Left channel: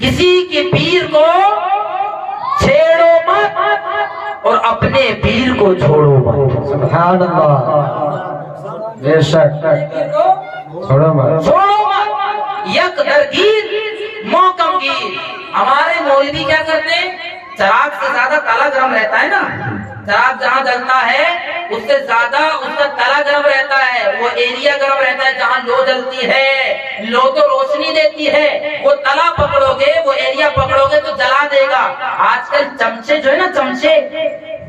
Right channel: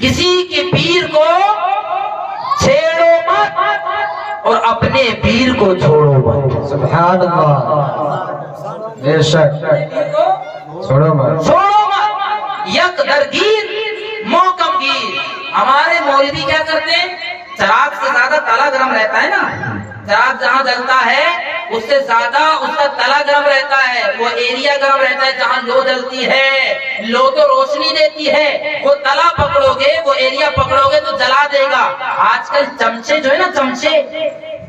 کسی کے پیر کو چھیڑو مت اور اپنے پیر کو چھوڑو مت. سبحان اللہ. بے شک. چھوڑو مت. چھوڑو مت. یک درگیر موکم گیر. ہمارے مولوی کیا کرتے ہیں؟ چراغ سے زیادہ تلا گرم رہتا ہے نا. چراغ جہاں جلتا ہے اس سے زیادہ اس کا تلا گرم رہتا ہے. وہ ایریا گرم رہتا ہے جہاں لو جلتی ہے. لو تو روشنی دیتی ہے. وہ تلا پکڑو گے, وہ ایریا پکڑو گے تو جلا دے گا. آج کل چمچے جو ہے نا, چمچے,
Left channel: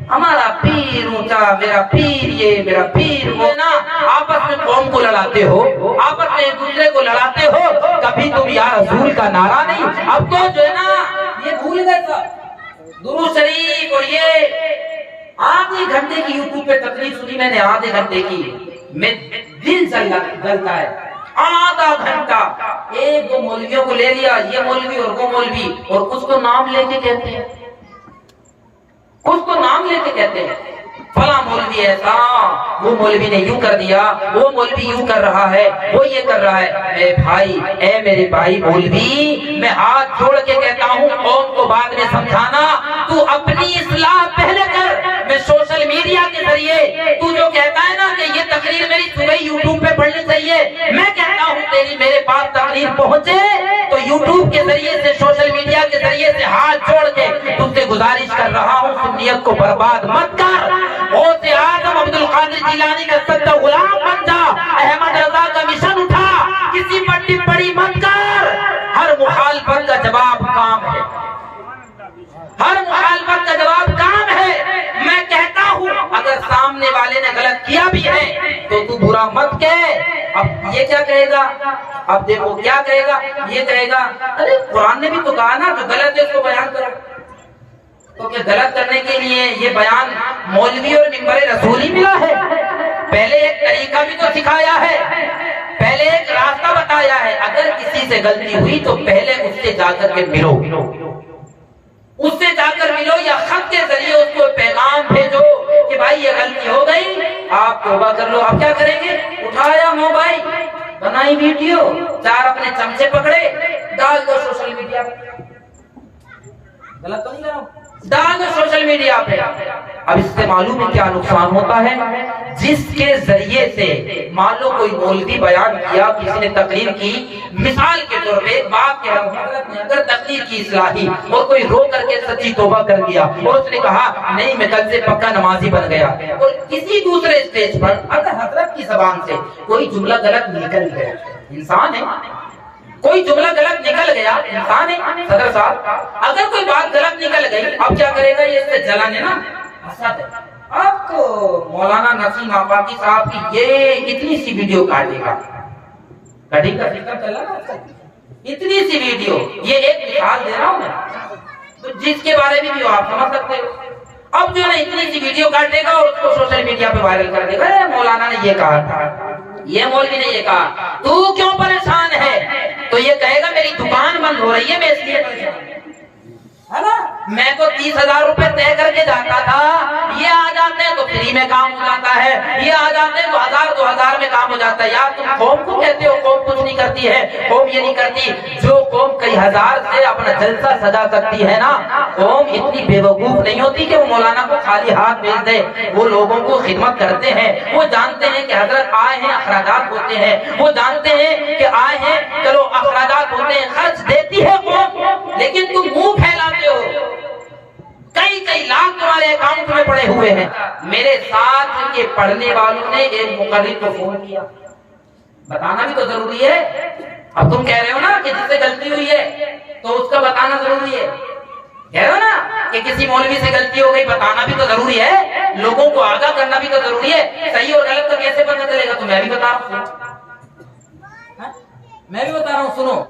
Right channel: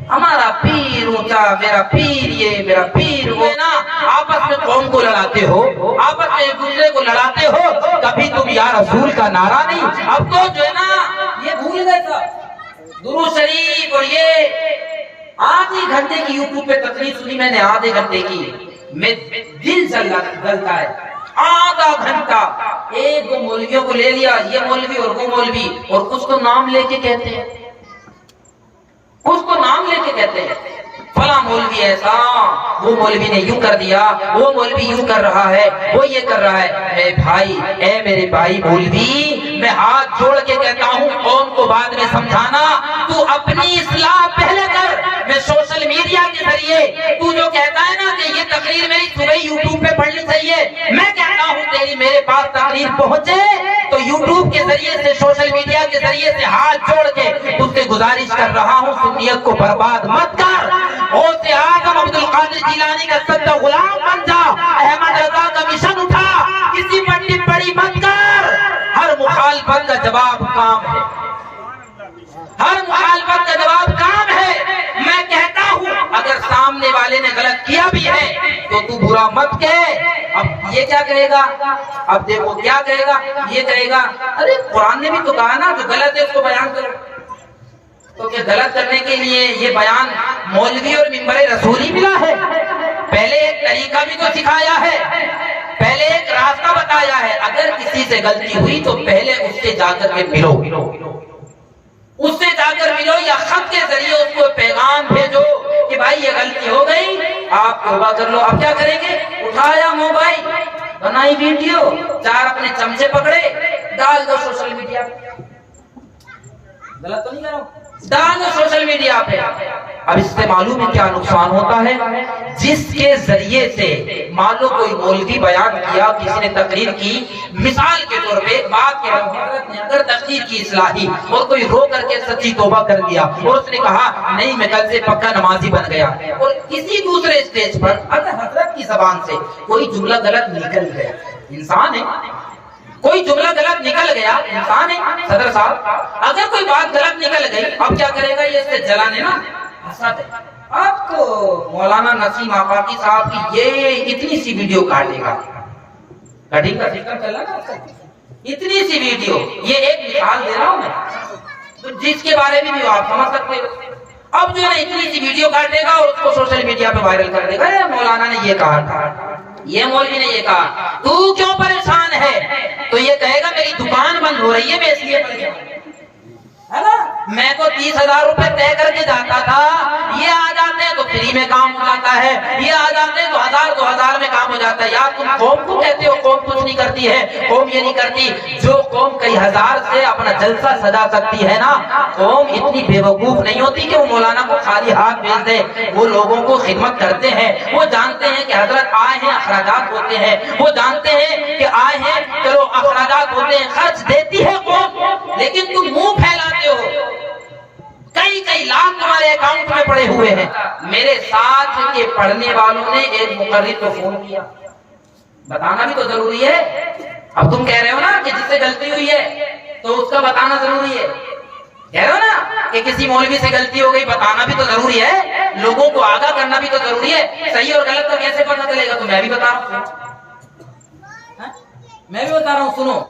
ہمارا پیر اونچا, میرا پیر یہ, میرا پیر وہ نا, آپس میں قوم کو لڑاتے ہو, آپس میں ایک دوسرے کو لڑاتے ہو. کبھی تم یا رسول کا نعرہ نہیں. اب تو جو ہے نا یہ بھول گئے سب. درود شریف اور یہ آدھے گھنٹے کی یوٹیوب پہ تقریر سنی میں نے, آدھے گھنٹے کی. میں دل جلتا ہے. آدھا گھنٹہ ایک دو مولویوں کو لے لیا, یہ مولوی اور وہ مولوی, اور کچھ کو نام لے کے کہتے ہیں, کچھ کو نام لے کے کہتے ہیں فلاں مولوی ایسا, وہ مولوی نے یوں کر دیا, وہ مولوی یوں کر رہا ہے, وہ یہ کر رہا ہے. اے بھائی, اے میرے بھائی مولوی, میں ہاتھ جوڑ کے کہتا ہوں قوم کو بعد میں سمجھانا. تو اپنی اصلاح پہلے کر. میں سوشل میڈیا کے ذریعے تو جو کہتا ہے نا کہ یہ تقریر میری صبح یوٹیوب پہ پڑھنی چاہیے, میں کہتا ہوں تیری میرے پاس تقریر پہنچے تو یوٹیوب کے ذریعے سے, سوشل میڈیا کے ذریعے سے ہاتھ جوڑ کے تجھ سے گزارش کر رہا ہوں, سنیت کو برباد مت کر. غوث اعظم عبد القادر جیلانی کا سچا غلام بن جا. احمد رضا کا مشن اٹھا, کسی پٹی پڑی مت کر. ہر مخالفت کا جواب کام ہے, ہر مخالفت کا جواب کام ہے. میں کہتا ہوں اگر سامنے والے نے غلط کیا بھی ہے تو تو برا مت کہہ. اب یہ کیا کہے گا, اب دیکھو کیا کہے گا, یہ کہے گا ارے قرآن نے بھی تو کہا نا جو غلط ہے اس کو بیان کرو. تو کہ غلط کرنے کے لیے یہ بیان مولوی اور منبر رسول ہی ملا ہے. پہلے ایک طریقہ بھی تو سکھایا ہے, پہلے ایک راستہ بتایا ہے. اگر کسی سے غلطی ہوئی تو پہلے اس سے جا کر کے ملو, اس سے جا کر ملو, یا خط کے ذریعے اس کو پیغام بھیجو کہ بھائی یہ غلطی ہو گئی, آپ توبہ کر لو. اب کیا کریں گے, اٹھایا موبائل, بنائی ویڈیو, چار اپنے چمچے پکڑے, ڈال دو سوشل میڈیا پہ. غلط تو نہیں کر رہا ہوں, ڈال دو سوشل میڈیا پہ. اب اس سے معلوم ہے کیا نقصان ہوتا ہے. جس کے ذریعے سے مان لو کوئی مولوی بیان کیا, کسی نے تقریر کی, مثال کے طور پہ بات کے حضرت نے اگر تقریر کی اصلاحی اور کوئی رو کر کے سچی توبہ کر دیا اور اس نے کہا نہیں میں کل سے پکا نمازی بن گیا, اور کسی دوسرے اسٹیج پر اگر حضرت کی زبان سے کوئی جملہ غلط نکل گیا, انسان ہے, کوئی جملہ غلط نکل گیا, انسان ہے صدر صاحب, اگر کوئی بات غلط نکل گئی, اب کیا کرے گا, یہ اس سے جلانے نا حسد ہے. اب تو مولانا نسیم آفاقی صاحب کی یہ اتنی سی ویڈیو کاٹ دے گا, کٹنگ کا سسٹم چل رہا نا, اتنی سی ویڈیو, یہ ایک مثال دے رہا ہوں میں جس کے بارے میں بھی آپ سمجھ سکتے ہو. اب جو ہے اتنی سی ویڈیو کاٹ دے گا اور اس کو سوشل میڈیا پہ وائرل کر دے گا, مولانا نے یہ کہا تھا, یہ مولوی نے یہ کہا, تو کیوں پریشان ہے, تو یہ کہے گا میری دکان بند ہو رہی ہے میں اس لیے پریشان ہوں, ہے نا. میں تو 30,000 روپے طے کر کے جاتا تھا, یہ آ جاتے تو فری میں کام ہو جاتا ہے, یہ آ جاتے تو 1,000-2,000 میں کام ہو جاتا ہے. یار تم قوم کو کہتے ہو قوم کچھ نہیں کرتی ہے, قوم یہ نہیں کرتی. جو قوم کئی ہزار سے اپنا جلسہ سجا سکتی ہے نا, قوم اتنی بے وقوف نہیں ہوتی کہ وہ مولانا کو خالی ہاتھ بھیج دے. وہ لوگوں کو خدمت کرتے ہیں, وہ جانتے ہیں کہ حضرت آئے ہیں اخراجات ہوتے ہیں, وہ جانتے ہیں کہ آئے ہیں چلو اخراجات ہوتے ہیں, خرچ دیتی ہے قوم, لیکن تم منہ پھیلاتے ہو. کئی لاکھ تمہارے اکاؤنٹ میں پڑے ہوئے ہیں. میرے ساتھ کے پڑھنے والوں نے ایک مقرر کو فون کیا, بتانا بھی تو ضروری ہے. اب تم کہہ رہے ہو نا کہ جس سے غلطی ہوئی ہے تو اس کا بتانا ضروری ہے, کہہ رہے ہو نا کہ کسی مولوی سے غلطی ہو گئی, بتانا بھی تو ضروری ہے, لوگوں کو آگاہ کرنا بھی تو ضروری ہے. صحیح اور غلط تو کیسے پتہ چلے گا, تو میں بھی بتا رہا ہوں, میں بھی بتا رہا ہوں. سنو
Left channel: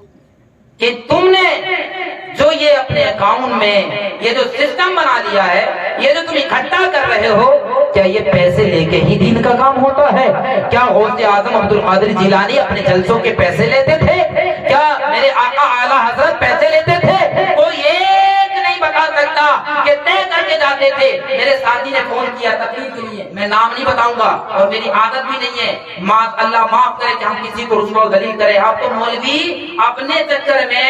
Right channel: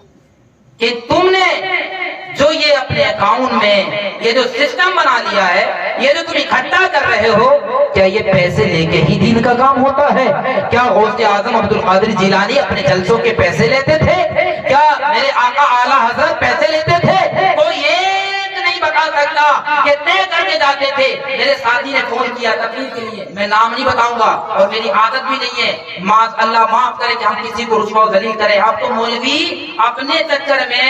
کہ تم نے جو یہ اپنے اکاؤنٹ میں یہ جو سسٹم بنا دیا ہے, یہ جو تم اکٹھا کر رہے ہو, کیا یہ پیسے لے کے ہی دین کا کام ہوتا ہے؟ کیا غوث اعظم عبد القادر جیلانی اپنے جلسوں کے پیسے لیتے تھے؟ کیا میرے آقا اعلیٰ حضرت پیسے لیتے تھے؟ کوئی ایک نہیں بتا سکتا کہ طے کر کے جاتے تھے. میرے ساتھی نے فون کیا تقریر کے لیے, میں نام نہیں بتاؤں گا اور میری عادت بھی نہیں ہے, اللہ معاف کرے کہ ہم کسی کو رسوا و ذلیل کریں. آپ تو مولوی اپنے چکر میں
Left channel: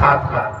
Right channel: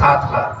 7,000,